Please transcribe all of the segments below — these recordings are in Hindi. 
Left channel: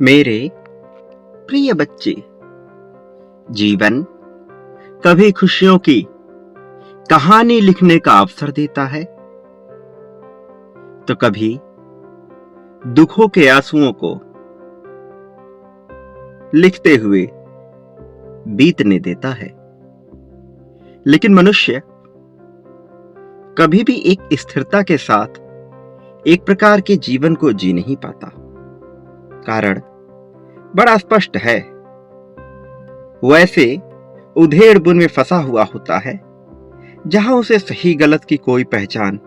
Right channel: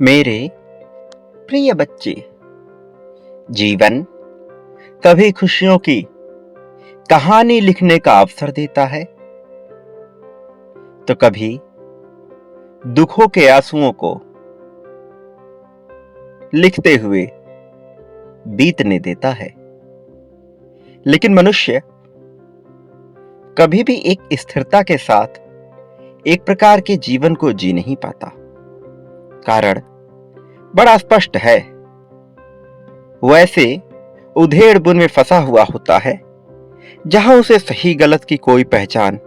मेरे प्रिय बच्चे, जीवन कभी खुशियों की कहानी लिखने का अवसर देता है तो कभी दुखों के आंसुओं को लिखते हुए बीतने देता है। लेकिन मनुष्य कभी भी एक स्थिरता के साथ एक प्रकार के जीवन को जी नहीं पाता। कारण बड़ा स्पष्ट है। वैसे उधेड़ बुन में फंसा हुआ होता है जहां उसे सही गलत की कोई पहचान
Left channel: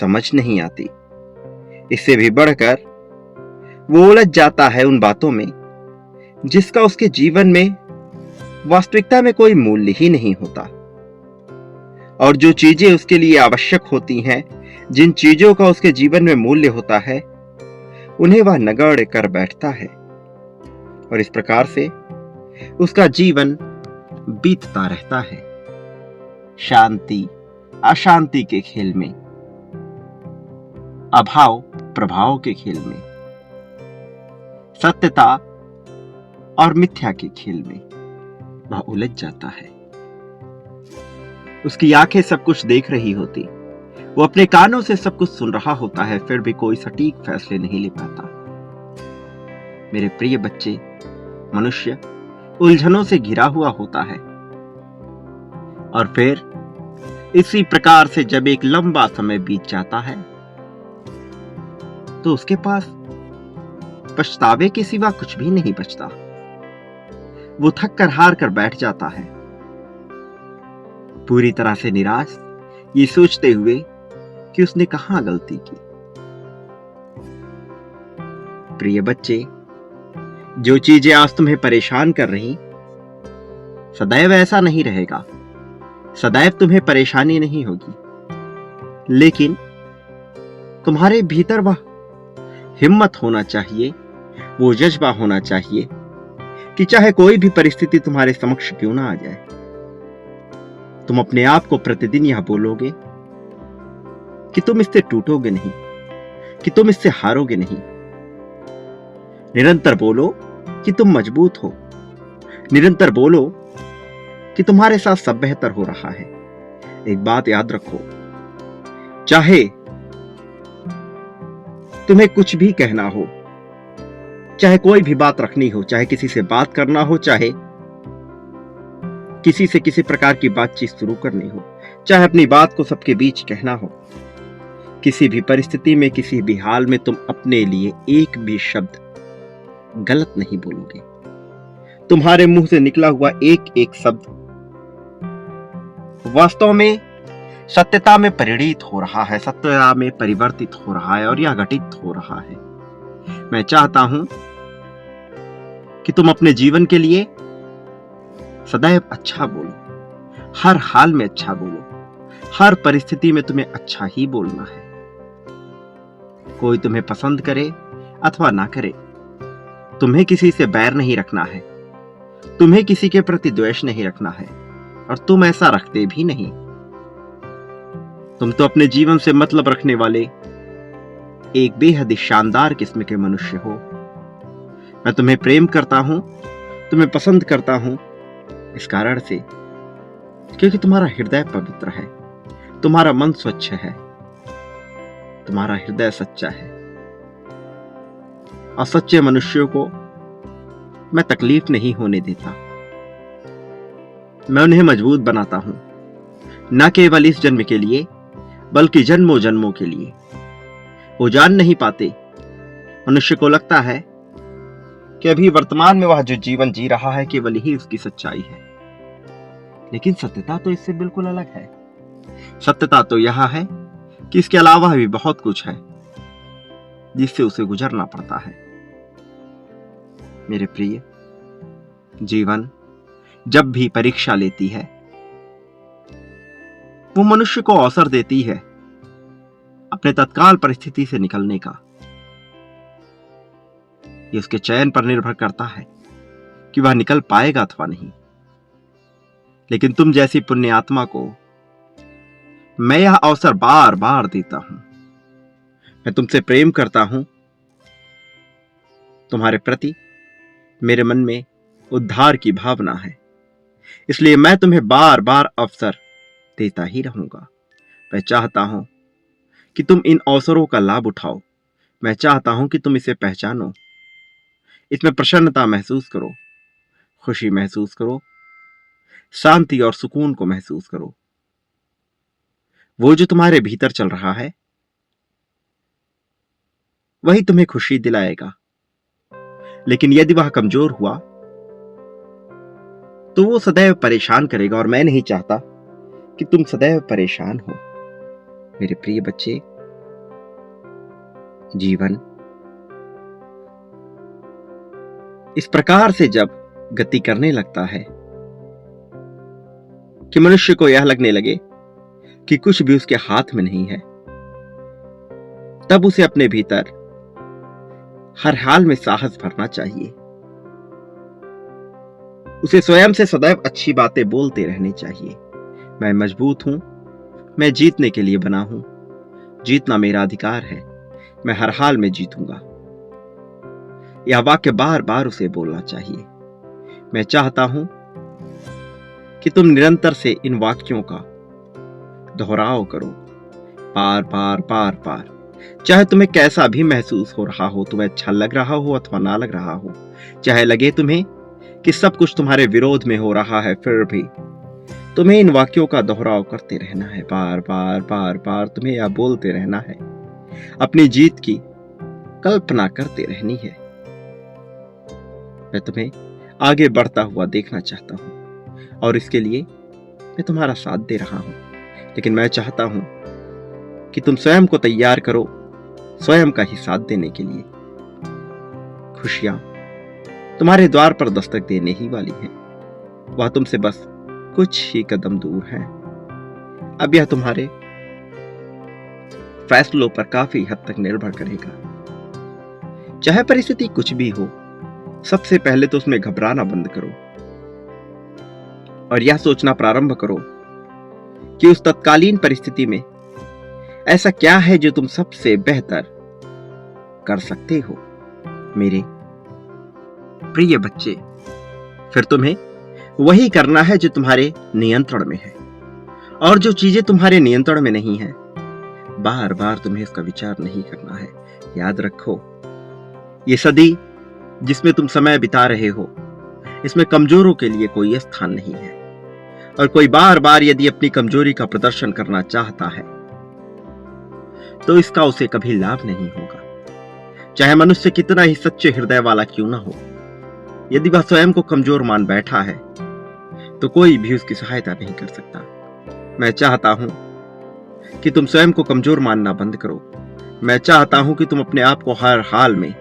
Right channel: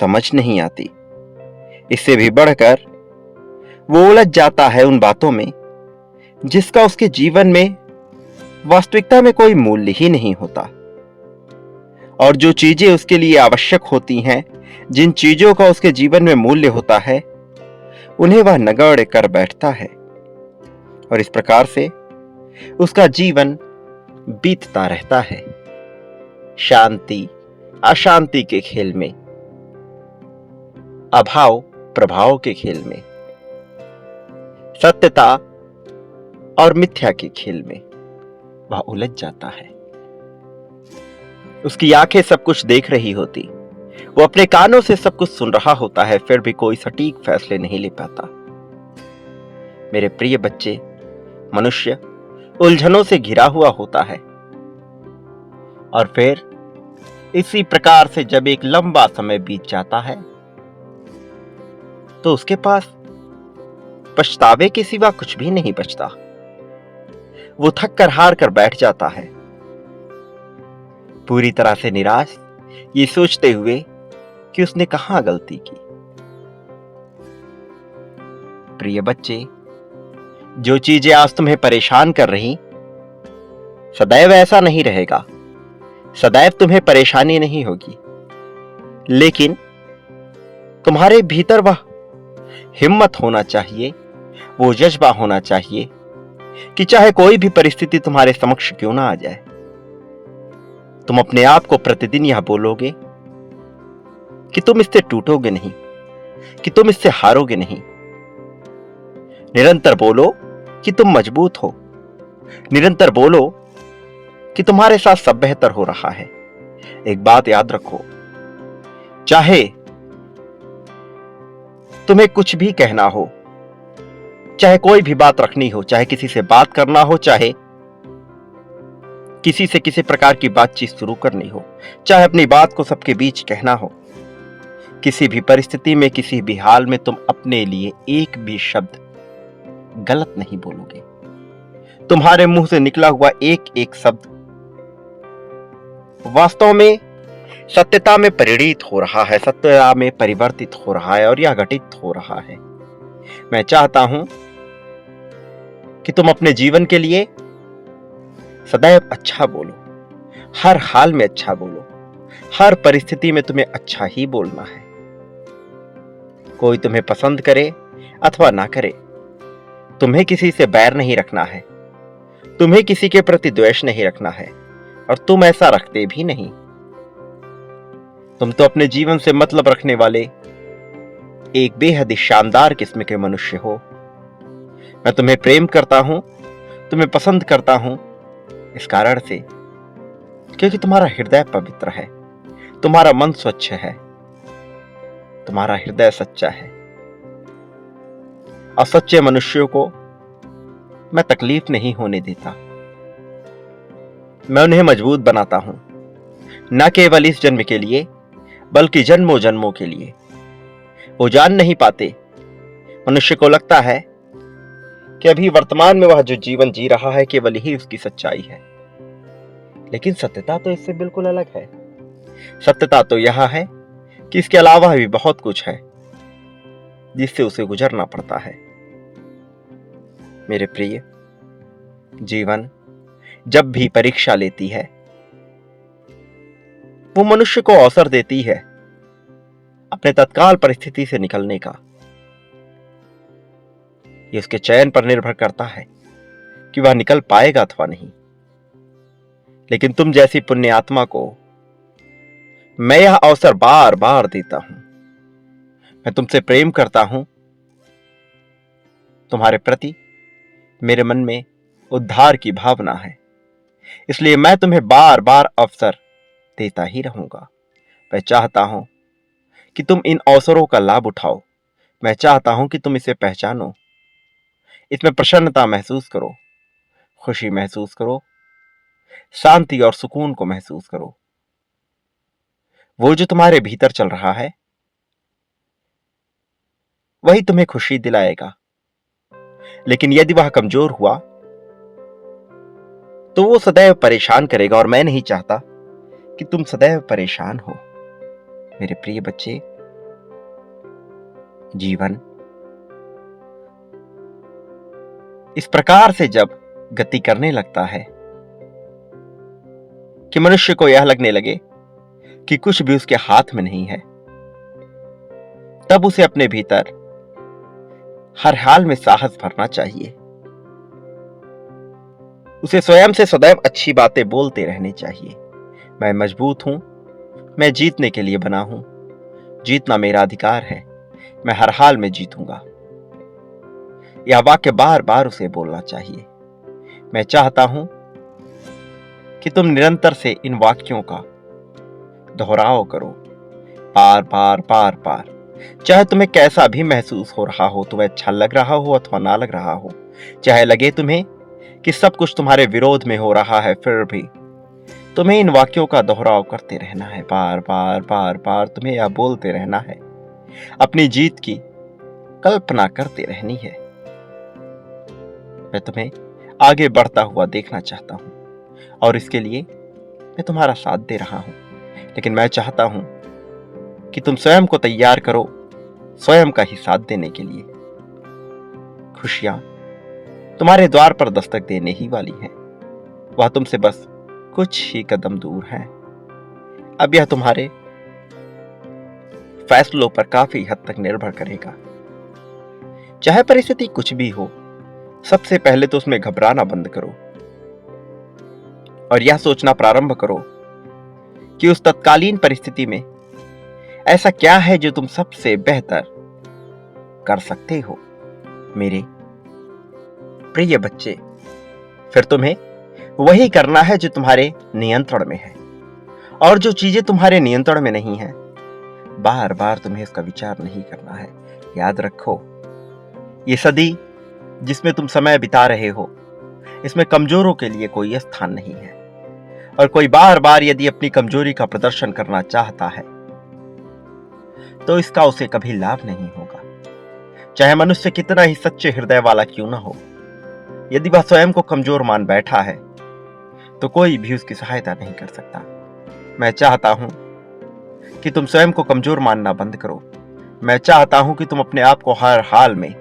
समझ नहीं आती। इससे भी बढ़कर वो उलझ जाता है उन बातों में जिसका उसके जीवन में वास्तविकता में कोई मूल्य ही नहीं होता। और जो चीजें उसके लिए आवश्यक होती हैं, जिन चीजों का उसके जीवन में मूल्य होता है, उन्हें वह नगण्य कर बैठता है और इस प्रकार से उसका जीवन बीतता रहता है, शांति अशांति के खेल में, अभाव प्रभाव के खेल में, सत्यता और मिथ्या के खेल में वह उलझ जाता है। उसकी आंखें सब कुछ देख रही होती, वो अपने कानों से सब कुछ सुन रहा होता है, फिर भी कोई सटीक फैसले नहीं ले पाता। मेरे प्रिय बच्चे, मनुष्य उलझनों से घिरा हुआ होता है और फिर इसी प्रकार से जब एक लंबा समय बीत जाता है तो उसके पास पछतावे के सिवा कुछ भी नहीं बचता। वो थक कर हार कर बैठ जाता है, पूरी तरह से निराश, ये सोचते हुए कि उसने कहां गलती की। प्रिय बच्चे, जो चीजें आज तुम्हें परेशान कर रही, सदैव ऐसा नहीं रहेगा। सदैव तुम्हें परेशानी नहीं होगी, लेकिन तुम्हारे भीतर वह हिम्मत होना चाहिए, वो जज्बा होना चाहिए कि चाहे कोई भी परिस्थिति तुम्हारे समक्ष क्यों ना आ जाए, तुम अपने आप को प्रतिदिन यह बोलोगे कि तुम इससे टूटोगे नहीं, कि तुम इससे हारोगे नहीं। निरंतर बोलो कि तुम मजबूत हो। निरंतर बोलो कि तुम्हारे साथ सब बेहतर हो रहा है। एक बात याद रखो, चाहे तुम्हें कुछ भी कहना हो, चाहे कोई भी बात रखनी हो, चाहे किसी से बात करना हो, चाहे किसी से किसी प्रकार की बातचीत शुरू करनी हो, चाहे अपनी बात को सबके बीच कहना हो, किसी भी परिस्थिति में, किसी भी हाल में तुम अपने लिए एक भी शब्द गलत नहीं बोलोगे। तुम्हारे मुंह से निकला हुआ एक एक शब्द वास्तव में सत्यता में परिणित हो रहा है, सत्यता में परिवर्तित हो रहा है और यह घटित हो रहा है। मैं चाहता हूं कि तुम अपने जीवन के लिए सदैव अच्छा बोलो, हर हाल में अच्छा बोलो, हर परिस्थिति में तुम्हें अच्छा ही बोलना है। कोई तुम्हें पसंद करे अथवा ना करे, तुम्हें किसी से बैर नहीं रखना है, तुम्हें किसी के प्रति द्वेष नहीं रखना है और तुम ऐसा रखते भी नहीं। तुम तो अपने जीवन से मतलब रखने वाले एक बेहद ही शानदार किस्म के मनुष्य हो। मैं तुम्हें प्रेम करता हूं, तुम्हें पसंद करता हूं इस कारण से क्योंकि तुम्हारा हृदय पवित्र है, तुम्हारा मन स्वच्छ है, तुम्हारा हृदय सच्चा है। असच्चे मनुष्यों को मैं तकलीफ नहीं होने देता, मैं उन्हें मजबूत बनाता हूं, न केवल इस जन्म के लिए बल्कि जन्मों जन्मों के लिए। वो जान नहीं पाते, मनुष्य को लगता है कि अभी वर्तमान में वह जो जीवन जी रहा है केवल ही उसकी सच्चाई है, लेकिन सत्यता तो इससे बिल्कुल अलग है। सत्यता तो यह है कि इसके अलावा भी बहुत कुछ है जिससे उसे गुजरना पड़ता है। मेरे प्रिय, जीवन जब भी परीक्षा लेती है, वो मनुष्य को अवसर देती है अपने तत्काल परिस्थिति से निकलने का। ये उसके चयन पर निर्भर करता है कि वह निकल पाएगा अथवा नहीं। लेकिन तुम जैसी पुण्य आत्मा को मैं यह अवसर बार बार देता हूं। मैं तुमसे प्रेम करता हूं, तुम्हारे प्रति मेरे मन में उद्धार की भावना है, इसलिए मैं तुम्हें बार बार अवसर देता ही रहूंगा। मैं चाहता हूं कि तुम इन अवसरों का लाभ उठाओ। मैं चाहता हूं कि तुम इसे पहचानो, इसमें प्रसन्नता महसूस करो, खुशी महसूस करो, शांति और सुकून को महसूस करो। वो जो तुम्हारे भीतर चल रहा है वही तुम्हें खुशी दिलाएगा। लेकिन यदि वह कमजोर हुआ तो वो सदैव परेशान करेगा, और मैं नहीं चाहता कि तुम सदैव परेशान हो। मेरे प्रिय बच्चे, जीवन इस प्रकार से जब गति करने लगता है कि मनुष्य को यह लगने लगे कि कुछ भी उसके हाथ में नहीं है, तब उसे अपने भीतर हर हाल में साहस भरना चाहिए। उसे स्वयं से सदैव अच्छी बातें बोलते रहने चाहिए। मैं मजबूत हूं, मैं जीतने के लिए बना हूं, जीतना मेरा अधिकार है, मैं हर हाल में जीतूंगा। यह वाक्य बार बार उसे बोलना चाहिए। मैं चाहता हूं कि तुम निरंतर से इन वाक्यों का दोहराव करो, बार बार बार बार। चाहे तुम्हें कैसा भी महसूस हो रहा हो, तुम्हें अच्छा लग रहा हो अथवा ना लग रहा हो, चाहे लगे तुम्हें कि सब कुछ तुम्हारे विरोध में हो रहा है, फिर भी तुम्हें इन वाक्यों का दोहराव करते रहना है। बार बार बार बार तुम्हें यह बोलते रहना है, अपनी जीत की कल्पना करते रहनी है। मैं तुम्हें आगे बढ़ता हुआ देखना चाहता हूं और इसके लिए मैं तुम्हारा साथ दे रहा हूं। लेकिन मैं चाहता हूं कि तुम स्वयं को तैयार करो स्वयं का ही साथ देने के लिए। खुशियां तुम्हारे द्वार पर दस्तक देने ही वाली हैं। वह तुमसे बस कुछ ही कदम दूर है। अब यह तुम्हारे फैसलों पर काफी हद तक निर्भर करेगा। चाहे परिस्थिति कुछ भी हो, सबसे पहले तो उसमें घबराना बंद करो और यह सोचना प्रारंभ करो कि उस तत्कालीन परिस्थिति में ऐसा क्या है जो तुम सबसे बेहतर कर सकते हो। मेरे प्रिय बच्चे, फिर तुम्हें वही करना है जो तुम्हारे नियंत्रण में है, और जो चीजें तुम्हारे नियंत्रण में नहीं है, बार बार तुम्हें इसका विचार नहीं करना है। याद रखो, ये सदी जिसमें तुम समय बिता रहे हो, इसमें कमजोरों के लिए कोई स्थान नहीं है, और कोई बार बार यदि अपनी कमजोरी का प्रदर्शन करना चाहता है तो इसका उसे कभी लाभ नहीं होगा। चाहे मनुष्य कितना ही सच्चे हृदय वाला क्यों ना हो, यदि वह स्वयं को कमजोर मान बैठा है तो कोई भी उसकी सहायता नहीं कर सकता। मैं चाहता हूं कि तुम स्वयं को कमजोर मानना बंद करो। मैं चाहता हूं कि तुम अपने आप को हर हाल में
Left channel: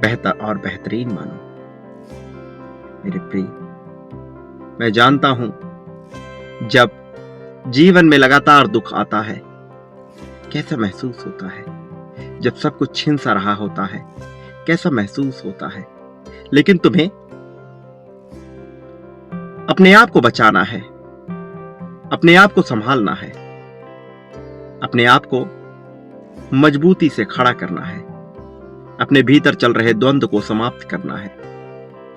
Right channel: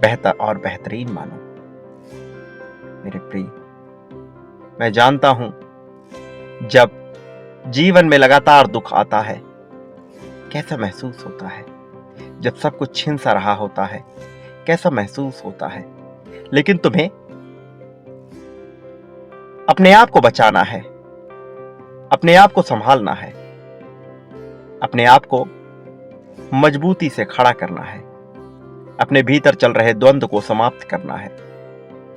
बेहतर और बेहतरीन मानो। मेरे प्रिय, मैं जानता हूं जब जीवन में लगातार दुख आता है कैसा महसूस होता है, जब सब कुछ छिन सा रहा होता है कैसा महसूस होता है। लेकिन तुम्हें अपने आप को बचाना है, अपने आप को संभालना है, अपने आप को मजबूती से खड़ा करना है, अपने भीतर चल रहे द्वंद्व को समाप्त करना है,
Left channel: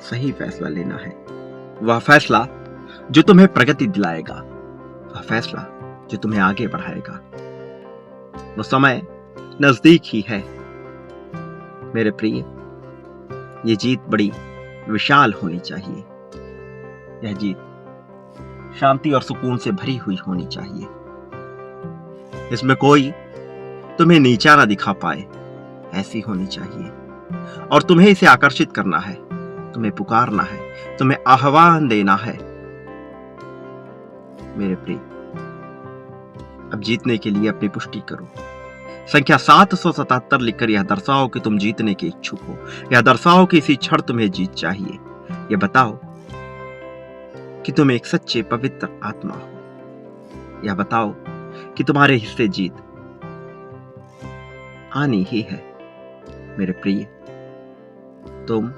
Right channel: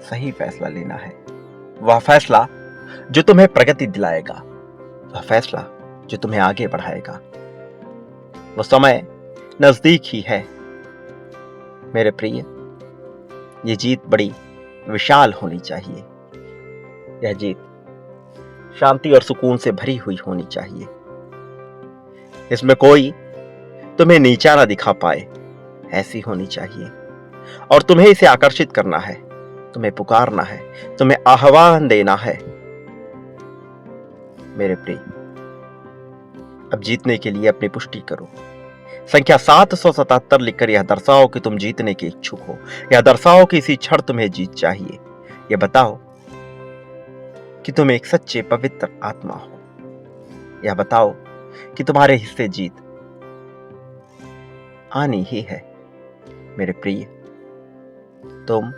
सही फैसला लेना है। वह फैसला जो तुम्हें प्रगति दिलाएगा, वह फैसला जो तुम्हें आगे बढ़ाएगा। वो समय नजदीक ही है। मेरे प्रिय, ये जीत बड़ी विशाल होनी चाहिए। यह जीत शांति और सुकून से भरी हुई होनी चाहिए। इसमें कोई तुम्हें नीचा ना दिखा पाए, ऐसी होनी चाहिए। और तुम्हें इसे आकर्षित करना है, तुम्हें पुकारना है, तुम्हें आह्वान देना है। मेरे प्रिय, अब जीतने के लिए अपनी पुष्टि करो। संख्या 777 लिखकर यह दर्शाओ कि तुम जीतने के इच्छुक हो। यह दर्शाओ कि इसी क्षण तुम्हें जीत चाहिए। यह बताओ कि तुम एक सच्चे पवित्र आत्मा हो। यह बताओ कि तुम्हारे हिस्से जीत आनी ही है। मेरे प्रिय, तुम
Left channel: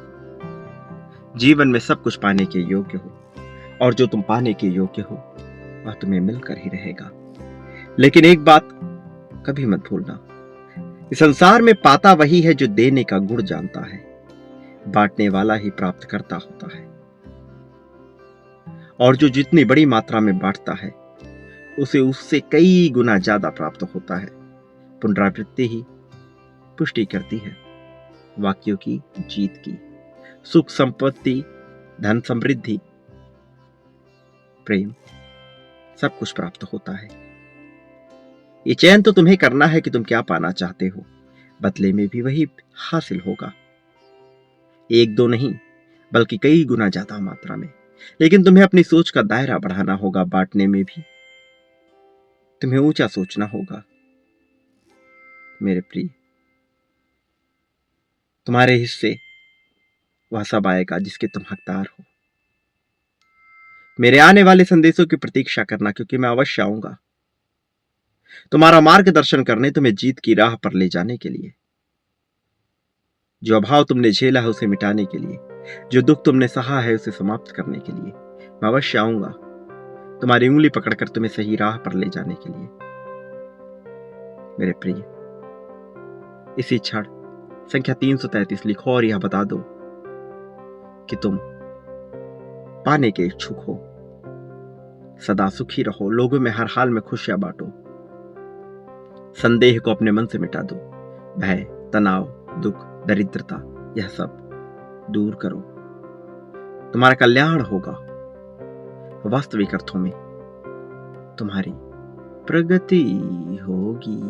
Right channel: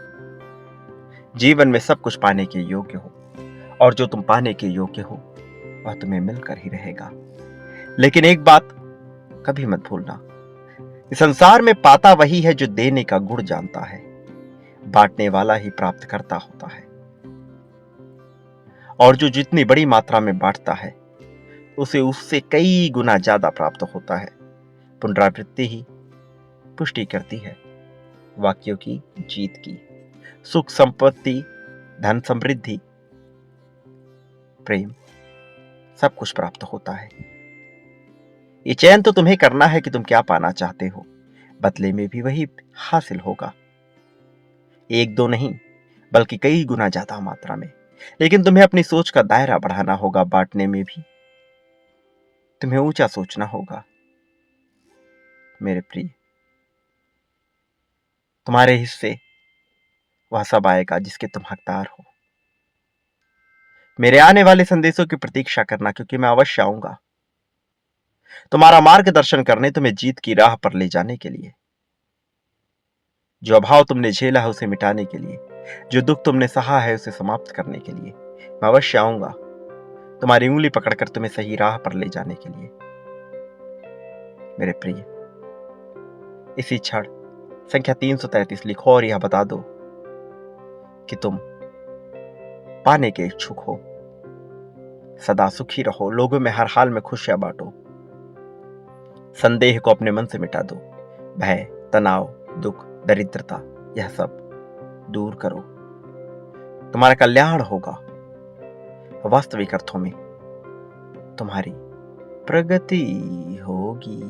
जीवन में सब कुछ पाने के योग्य हो, और जो तुम पाने के योग्य हो वह तुम्हें मिलकर ही रहेगा। लेकिन एक बात कभी मत भूलना, इस संसार में पाता वही है जो देने का गुण जानता है। बांटने वाला ही प्राप्त करता होता है, और जो जितनी बड़ी मात्रा में बांटता है उसे उससे कई गुना ज्यादा प्राप्त होता है। पुनरावृत्ति ही पुष्टि करती है वाक्यों की जीत की। सुख, संपत्ति, धन, समृद्धि, प्रेम, सब कुछ प्राप्त होता है। ये चयन तो तुम्हें करना है कि तुम क्या पाना चाहते हो, बदले में भी वही हासिल होगा। एक दो नहीं, बल्कि कई गुना ज्यादा मात्रा में। लेकिन तुम्हें अपनी सोच का दायरा बढ़ाना होगा। बांटने में भी तुम्हें ऊंचा सोचना होगा। मेरे प्रिय, तुम्हारे हिस्से वह सब आएगा जिसके तुम हकदार हो। मेरे आने वाले संदेशों की प्रतीक्षा करना, क्योंकि मैं अवश्य आऊंगा तुम्हारा मार्गदर्शन करने, तुम्हें जीत की राह पर ले जाने के लिए। जो अभाव तुमने झेला है उसे मिटाने के लिए, जो दुख तुमने सहा है उसे समाप्त करने के लिए मैं अवश्य आऊंगा तुम्हारी उंगली पकड़कर तुम्हें सही राह पर ले जाने के लिए। मेरे प्रिय, इसी क्षण संख्या 333 लिखो और यह बता दो कि तुम पाने के इच्छुक हो। सदा सुखी रहो, लोगों में हर हाल में खुशियां बांटो, संदेह को अपने मन से मिटा दो, भय, तनाव, दुख, दरिद्रता, यह सब दूर करो। तुम्हारा कल्याण होगा। वास्तविक अर्थों में तुम्हारी प्रगति होगी।